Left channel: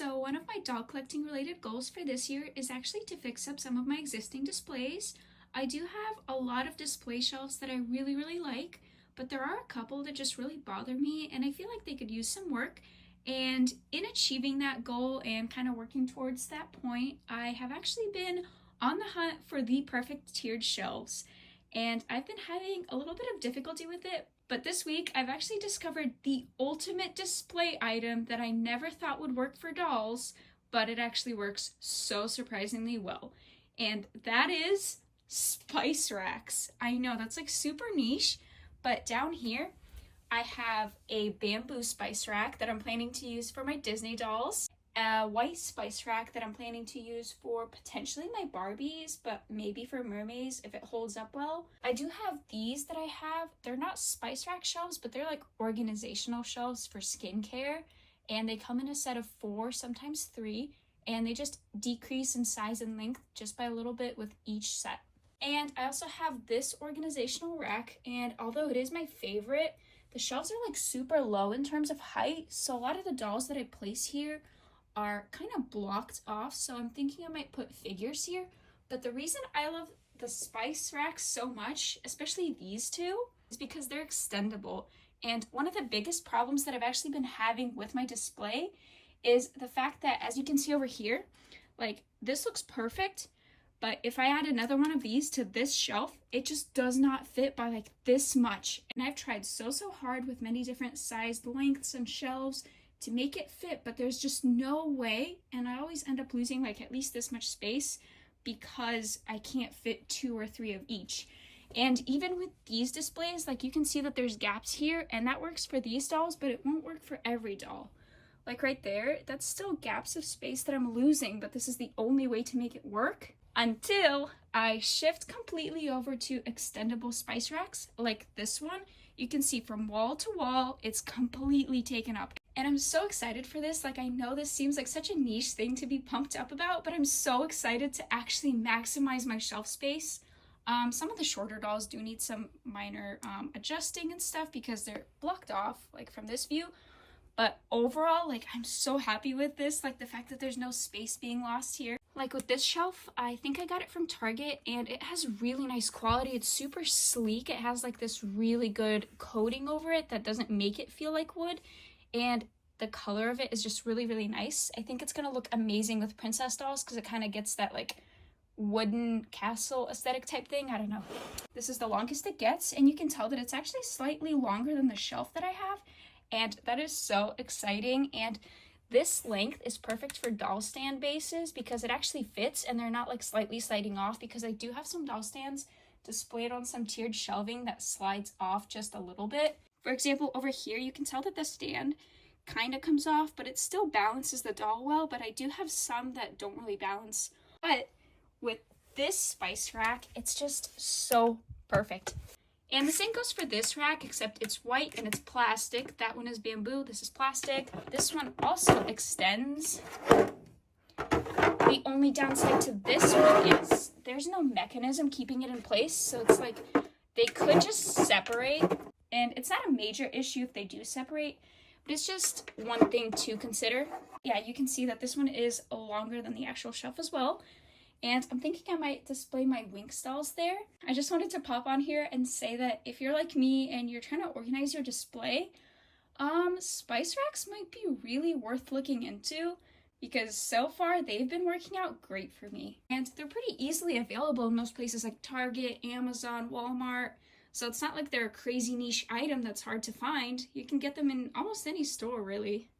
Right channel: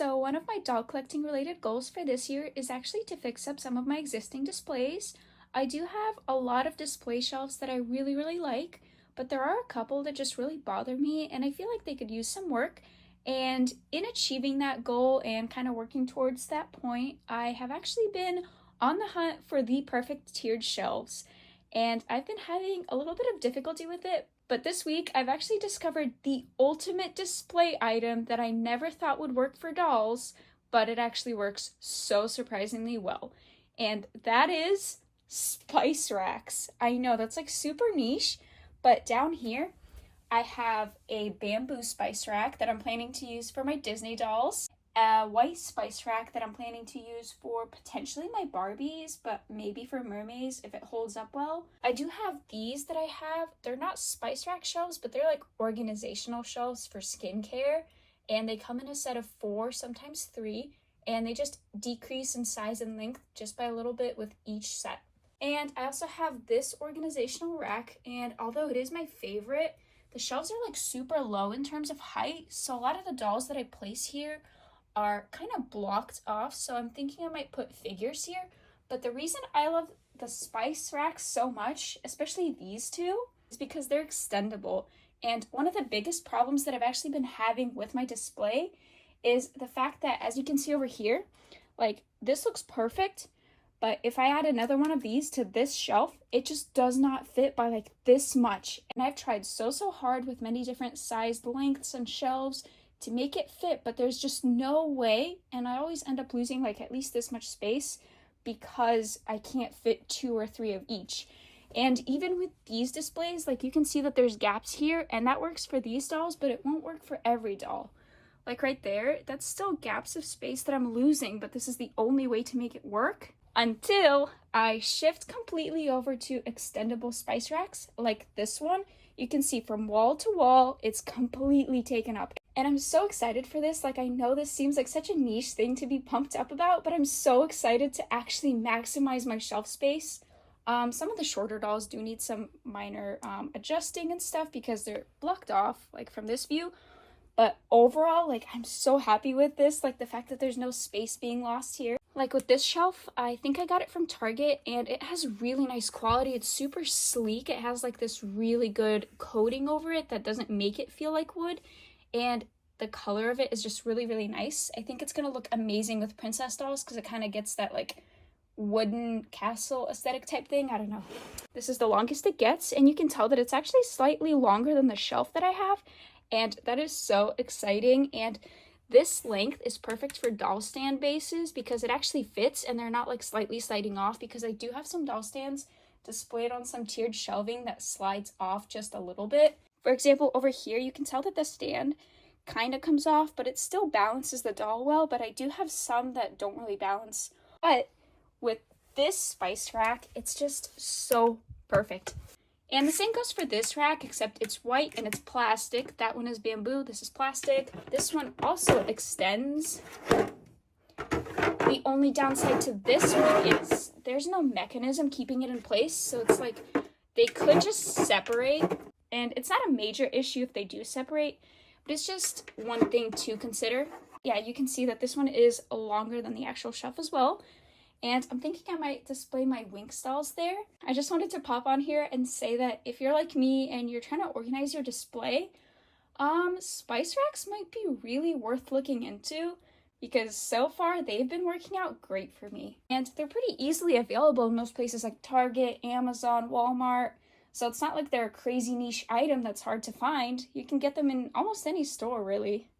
So one of my doll collecting related goals for this year is actually to fix up some of my existing displays. I do have a lot of display shelves that I really like, but there are a couple that just really bother me and I feel like they could use some work. And in achieving that goal and kind of working towards that point, I have actually been on the hunt for the perfect tiered shelves. And I've been having a little bit of difficulty with it, but this week I've actually discovered the ultimate display item that I never thought would work for dolls, but it actually works so surprisingly well. And that is spice racks. I know that's like super niche, but down here I have a bamboo spice rack that I'm planning to use for my Disney dolls, a white spice rack that I'm planning to use for potentially my Barbies, but maybe for mermaids if it holds up well. I do have these that I have. They're not spice rack shelves, but they're like organizational shelves for skincare, and they come in a set of 4, sometimes 3, and they just decrease in size and length just by a little bit with each set. And I also have this organizational rack, and although it is my favorite, the shelves are like super low in terms of height, so a lot of the dolls that I place here are kind of blocked off, so I'm thinking I might put figures here. But the reason I love the spice racks so much, especially these two, is because they're extendable. And one of the biggest problems that I've actually been having with my display is the fact that, as you can see over here, like this looks perfect, but if I add another one of these to this shelf, it just does not fit by like this much. And I've tried so hard with many different sized lengths and shelves to make it fit, but there's just no way, and I always end up losing like at least this much space because I can't fit 2 or 3 of each. And even with these displays, like you can see that there's gaps here, and that works for these dolls, but it won't work for every doll. Like right there, that's still gaps of space that I'm losing, but this is the only way to make it work until I shift completely over to extendable spice racks like this one. You can see from wall to wall, it's completely taken up. And I'm so excited for this. Like, I know this seems like such a niche thing to be pumped up about, but I'm so excited to actually maximize my shelf space. Some of the shorter dolls do need some minor adjusting and stuff because they're blocked off, like from this view. But overall, like, I'm so happy with this. Like, the fact that there's no space being lost here. Like with this shelf, I think I got it from Target, and it has really nice quality. It's super sleek. It has like this really good coating over it that doesn't make it feel like wood. And the color of it is just really nice. I think it's gonna look amazing with princess dolls because it kind of gets that like wooden castle aesthetic type thing. I don't know. This is the longest it gets, and you can tell that it's actually slightly longer than the shelf that I have, and that is so exciting. And this length is perfect for doll stand bases because it actually fits and they're not like slightly sliding off, because I do have some doll stands displayed on some tiered shelving that slides off just a little bit. For example, over here, you can tell that the stand kind of comes off, but it still balances the doll well, but I do have some that don't really balance. But with this spice rack, it's just so perfect. And the same goes for this rack, except it's white and it's plastic. That one is bamboo, this is plastic. This one also extends. The only downside to this one is there's no mechanism keeping it in place, so it's like they could just separate. And it's not a major issue if they do separate, but it's just one thing to consider. Yeah, you can see that this one is longer than the actual shelf as well. And I'm thinking I might display my Winx dolls there. I just wanted to pop on here and say that if you're like me and you're trying to organize your display, spice racks might be really worth looking into, because so far they've been working out great for me. And they're pretty easily available in most places like Target, Amazon, Walmart. So it's not like they're a crazy niche item that's hard to find. You can get them in almost any store, really.